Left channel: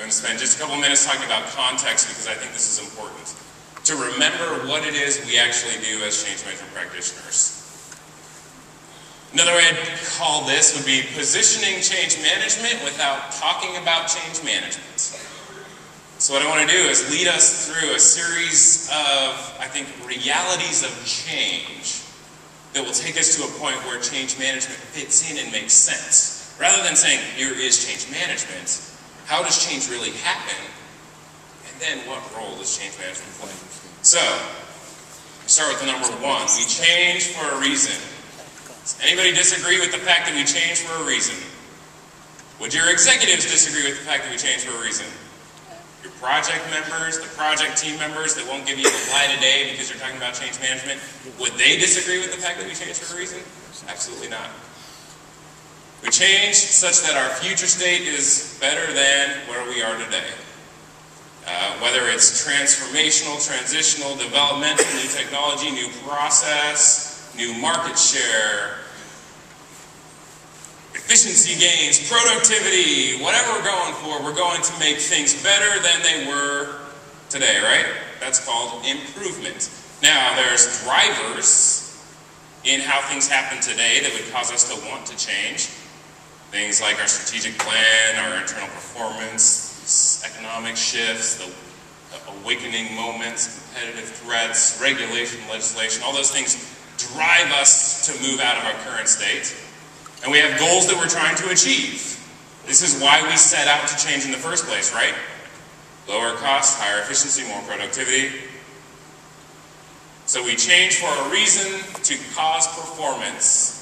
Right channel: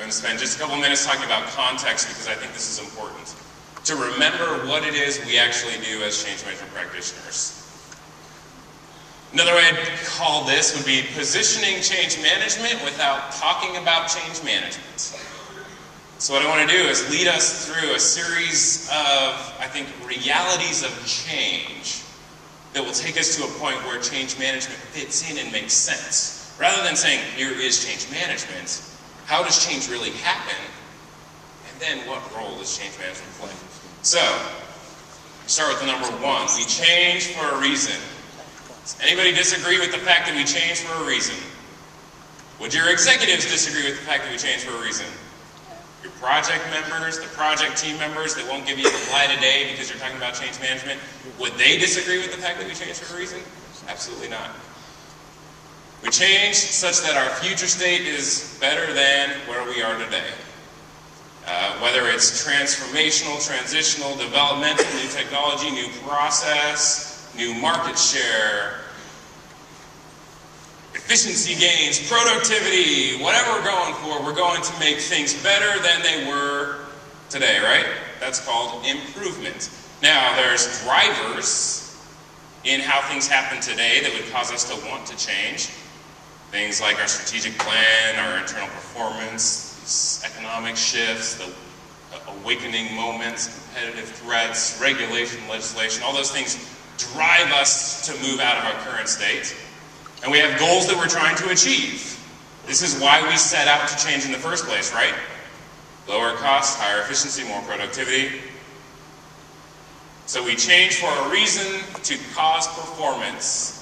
I'm going to spend just a couple minutes talking about context because I think this is important. To remember what it is we actually do as change management practitioners. Another way I'd call this would be positioning change management without talking about change management. So what I want to do is lead us through a series of, I think, realities of change that will take us to a point where change management fits in and makes sense. Rather than saying, here is change management, how does change really happen? And then what role does change management play? So, start with the number one. We change for a reason. Does anybody disagree with the fact that we change for a reason? Would your executives disagree with the fact that we change for a reason? Your project members, the project team members that won't give you the light of day because you're talking about change management, would they disagree with the fact that we change for a reason? Absolutely not. We change such that our future state is better than where we are today. Whether it's transformational, transitional, developmental, new technology, new process, new market share, efficiency gains, productivity, whatever we're going to make things better than they were today, right? That's called improvement. Now, there's drivers in how things happen today that would cause us to want to change. Things like our strategic plan, our internal performance, economic shifts, the awakening moments, competitive threats, regulation, legislation, all those things drive us to move out of our current state. And we have goals that we're trying to achieve. This is why we set out to change in the first place, right? Lower cost, higher efficiency, more productivity. So we change for a reason, to cause performance,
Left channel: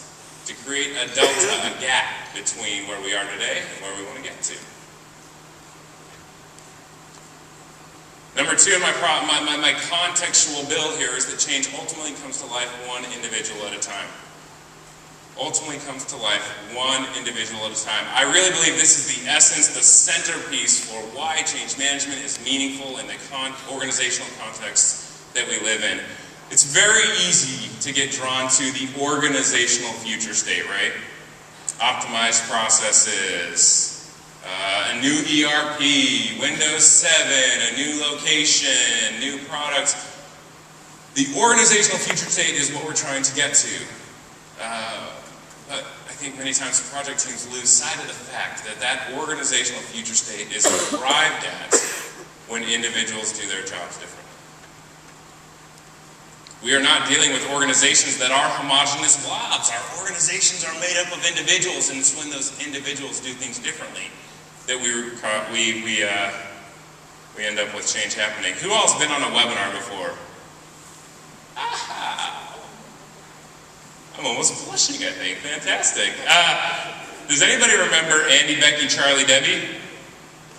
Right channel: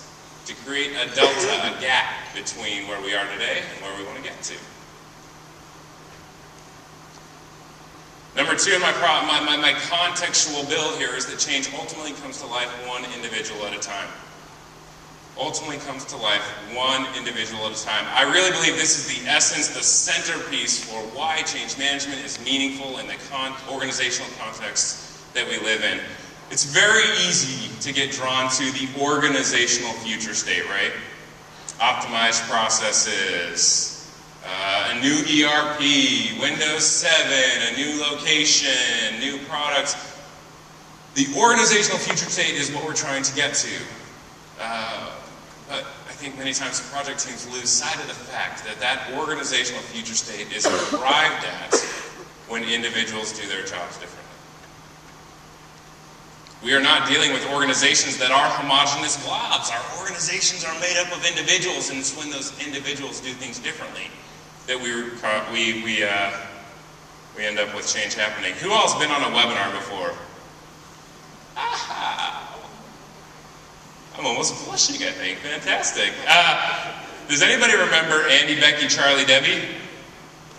to create a delta, a gap between where we are today and where we want to get to. Number two in my contextual build here is that change ultimately comes to life one individual at a time. Ultimately comes to life one individual at a time. I really believe this is the essence, the centerpiece for why change management is meaningful in the organizational context that we live in. It's very easy to get drawn to the organizational future state, right? Optimized processes, a new ERP, Windows 7, a new location, new products. The organizational future state is what we're trying to get to. But I think many times project teams lose sight of the fact that that organizational future state is arrived at when individuals do their jobs differently. We are not dealing with organizations that are homogeneous blobs. Our organizations are made up of individuals, and it's when those individuals do things differently that we end up with change happening. Who else has been on a webinar before? I'm almost blushing, I think. Fantastic. Does anybody remember Andy, Becky, Charlie, Debbie?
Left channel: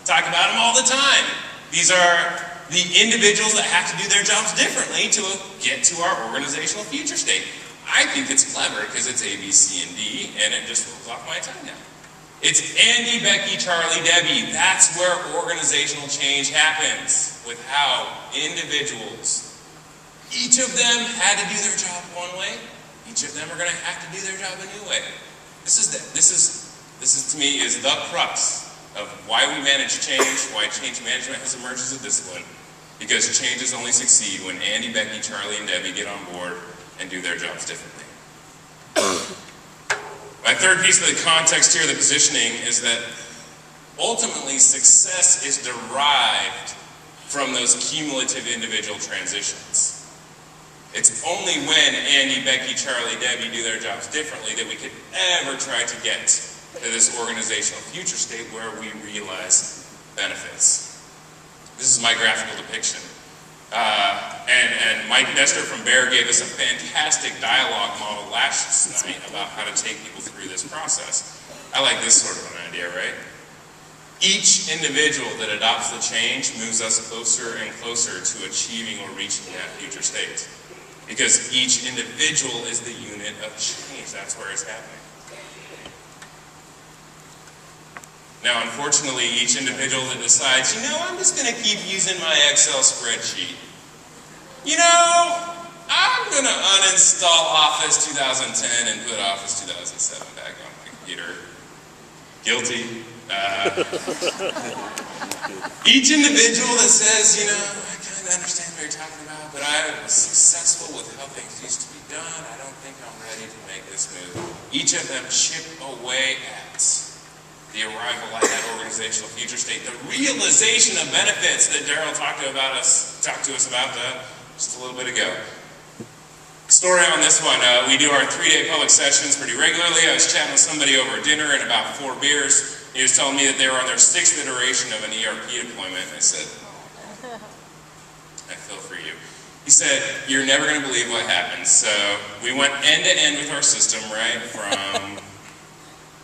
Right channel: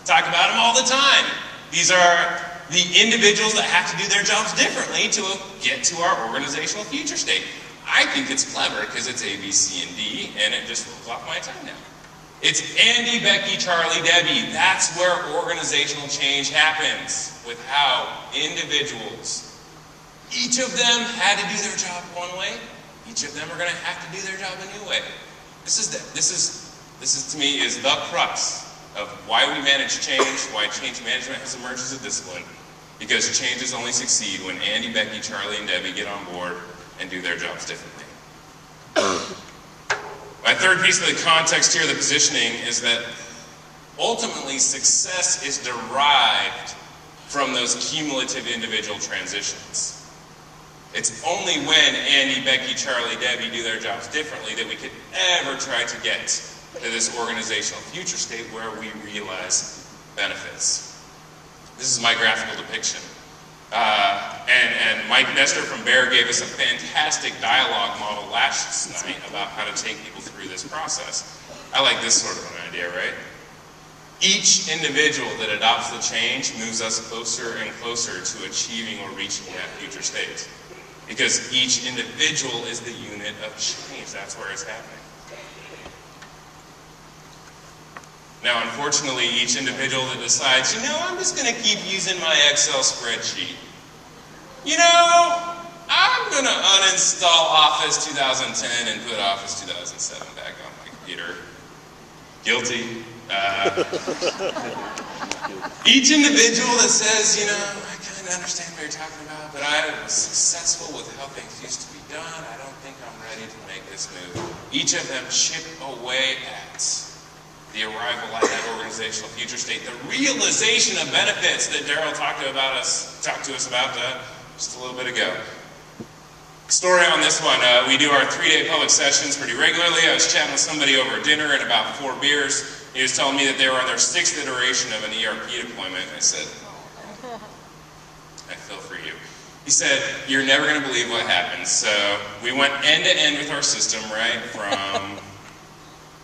Talk about them all the time. These are the individuals that have to do their jobs differently to get to our organizational future state. I think it's clever because it's A, B, C, and D, and it just rolls off my tongue now. It's Andy, Becky, Charlie, Debbie. That's where organizational change happens, with how individuals, each of them had to do their job one way. Each of them are going to have to do their job a new way. This is to me is the crux of why we manage change, why change management has emerged as a discipline. Because changes only succeed when Andy, Becky, Charlie, and Debbie get on board and do their jobs differently. My third piece of the context here, the positioning, is that ultimately success is derived from those cumulative individual transitions. It's only when Andy, Becky, Charlie, Debbie do their jobs differently that we could ever try to get to this organizational future state where we realize benefits. This is my graphical depiction. And Mike Nestor from Bear gave us a fantastic dialogue model last night about how to take people through this process. I like this sort of an idea, right? Each individual that adopts the change moves us closer and closer to achieving or reaching that future state. Because each individual is the unit of change. That's where it's happening. Now, unfortunately, each individual that decides, I'm just going to keep using my Excel spreadsheet. I'm going to uninstall Office 2010 and put Office 2007 back on my computer. Guilty. Each individual that says, you know, I kind of understand what you're talking about, but I was successful with how things used to be done. I don't think I'm ready to make this move. Each of them chip away at the arrival at that organizational future state, the realization of benefits that Daryl talked to us about just a little bit ago. Story on this one, we do our 3-day public sessions pretty regularly. I was chatting with somebody over dinner and about 4 beers. He was telling me that they were on their 6th iteration of an ERP deployment. I said, I feel for you. He said, you're never going to believe what happened. So we went end to end with our system, right? From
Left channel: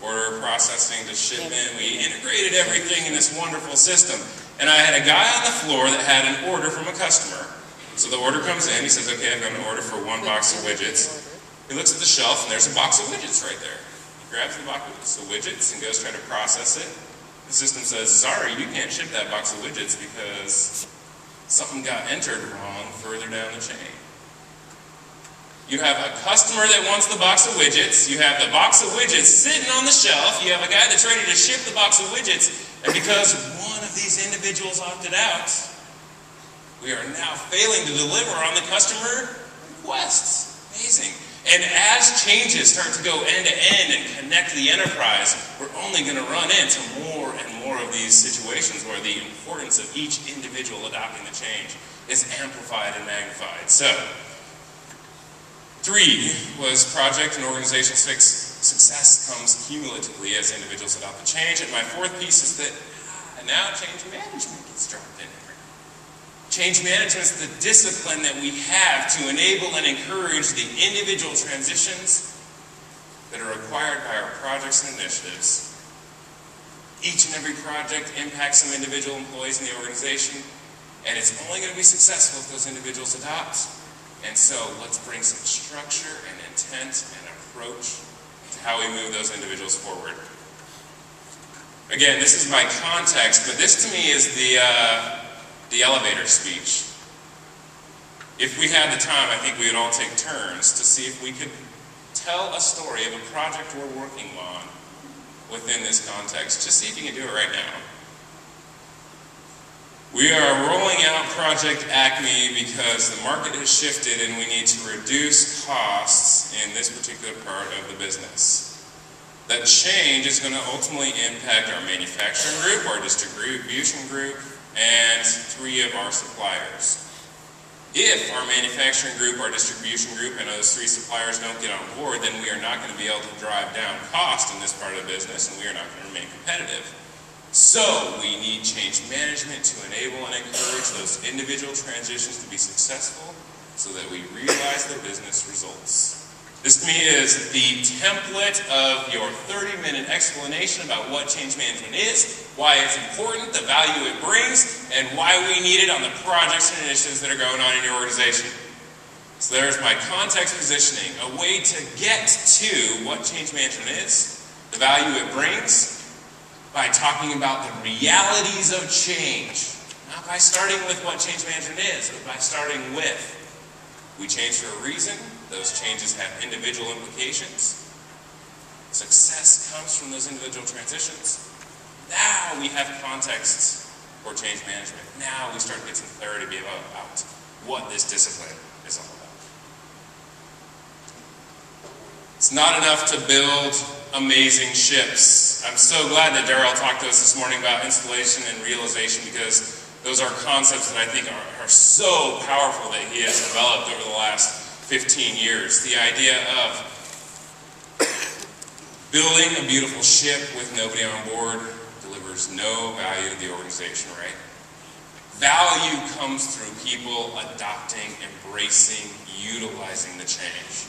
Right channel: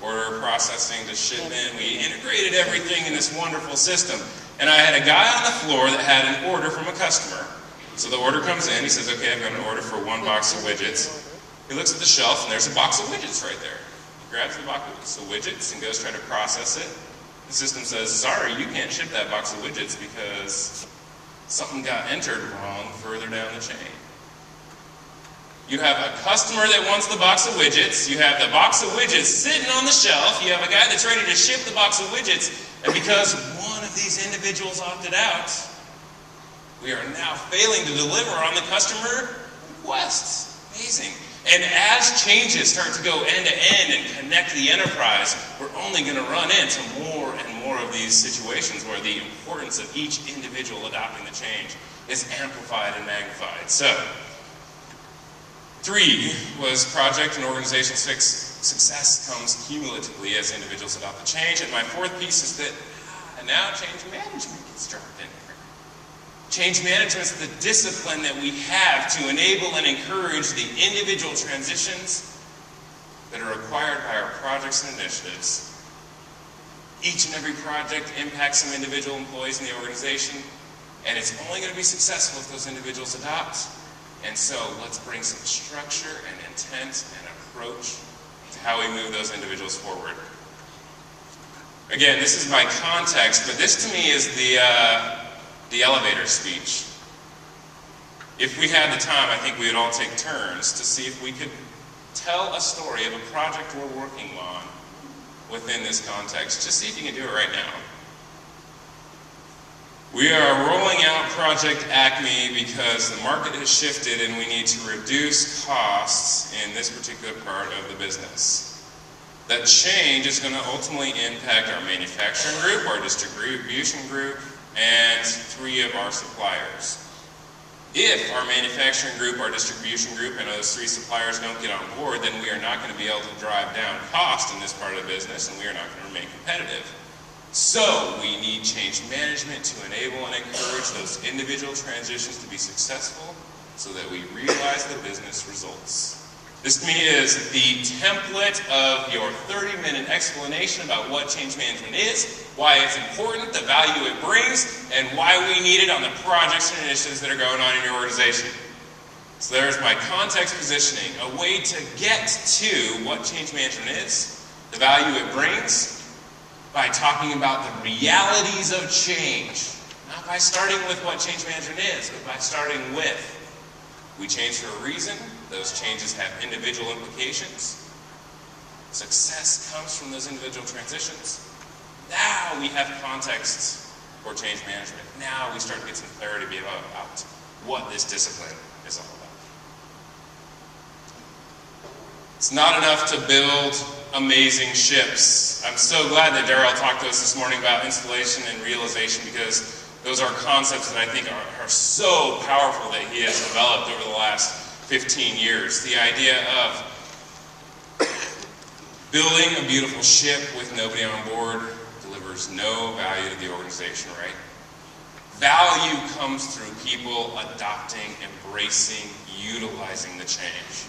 order processing to shipment. We integrated everything in this wonderful system. And I had a guy on the floor that had an order from a customer. So the order comes in, he says, okay, I'm going to order for 1 box of widgets. He looks at the shelf and there's a box of widgets right there. He grabs the box of widgets and goes trying to process it. The system says, sorry, you can't ship that box of widgets because something got entered wrong further down the chain. You have a customer that wants the box of widgets, you have the box of widgets sitting on the shelf, you have a guy that's ready to ship the box of widgets, and because one of these individuals opted out, we are now failing to deliver on the customer requests. Amazing. And as changes start to go end to end and connect the enterprise, we're only going to run into more and more of these situations where the importance of each individual adopting the change is amplified and magnified. So, 3 was project and organizational success comes cumulatively as individuals adopt the change. And my 4th piece is that now change management gets dropped in. Change management is the discipline that we have to enable and encourage the individual transitions that are required by our projects and initiatives. Each and every project impacts some individual employees in the organization, and it's only going to be successful if those individuals adopt. And so let's bring some structure and intent and approach to how we move those individuals forward. Again, this is my context, but this to me is the elevator speech. If we had the time, I think we would all take turns to see if we could tell a story of a project we're working on within this context. Just see if you can do it right now. We are rolling out Project Acme because the market has shifted and we need to reduce costs in this particular part of the business. That change is going to ultimately impact our manufacturing group, our distribution group, and 3 of our suppliers. If our manufacturing group, our distribution group, and those 3 suppliers don't get on board, then we are not going to be able to drive down cost in this part of the business, and we are not going to remain competitive. So we need change management to enable and encourage those individual transitions to be successful so that we realize the business results. This to me is the template of your 30-minute explanation about what change management is, why it's important, the value it brings, and why we need it on the projects and initiatives that are going on in your organization. So there's my context positioning, a way to get to what change management is, the value it brings, by talking about the realities of change. Not by starting with what change management is, but by starting with we change for a reason. Those changes have individual implications. Success comes from those individual transitions. Now we have context for change management. Now we start to get some clarity about what this discipline is all about. It's not enough to build amazing ships. I'm so glad that Daryl talked to us this morning about installation and realization, because those are concepts that I think are so powerful that he has developed over the last 15 years. The idea of building a beautiful ship with nobody on board delivers no value to the organization, right? Value comes through people adopting, embracing, utilizing the change.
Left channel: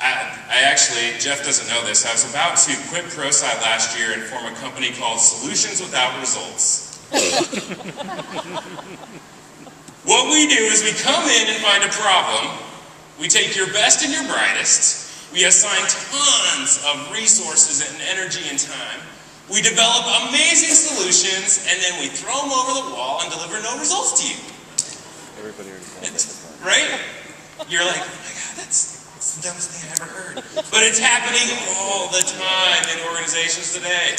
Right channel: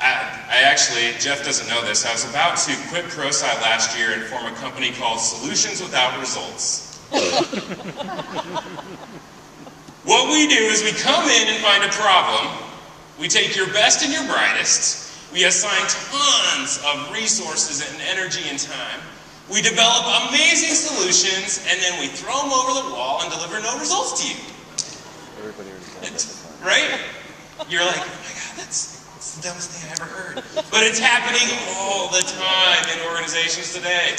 I actually, Jeff doesn't know this, I was about to quit Prosci last year and form a company called Solutions Without Results. What we do is we come in and find a problem, we take your best and your brightest, we assign tons of resources and energy and time, we develop amazing solutions, and then we throw them over the wall and deliver no results to you. Everybody already knows that. Right? You're like, oh my God, that's the dumbest thing I've ever heard. But it's happening all the time in organizations today.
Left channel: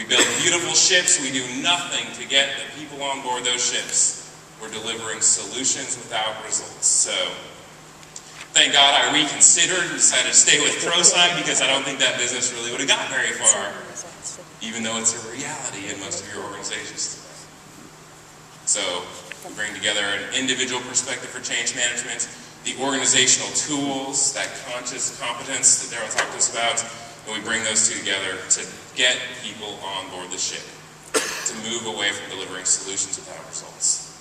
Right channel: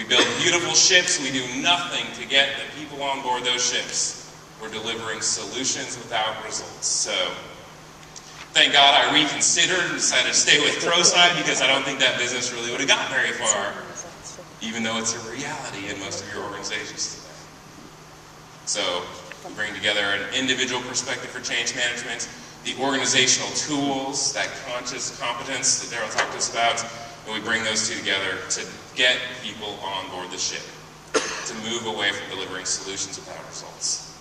We build beautiful ships, we do nothing to get the people on board those ships. We're delivering solutions without results. So, thank God I reconsidered and decided to stay with Prosci because I don't think that business really would have got very far, even though it's a reality in most of your organizations today. So, we bring together an individual perspective for change management, the organizational tools, that conscious competence that Daryl talked to us about, and we bring those two together to get people on board the ship, to move away from delivering solutions without results.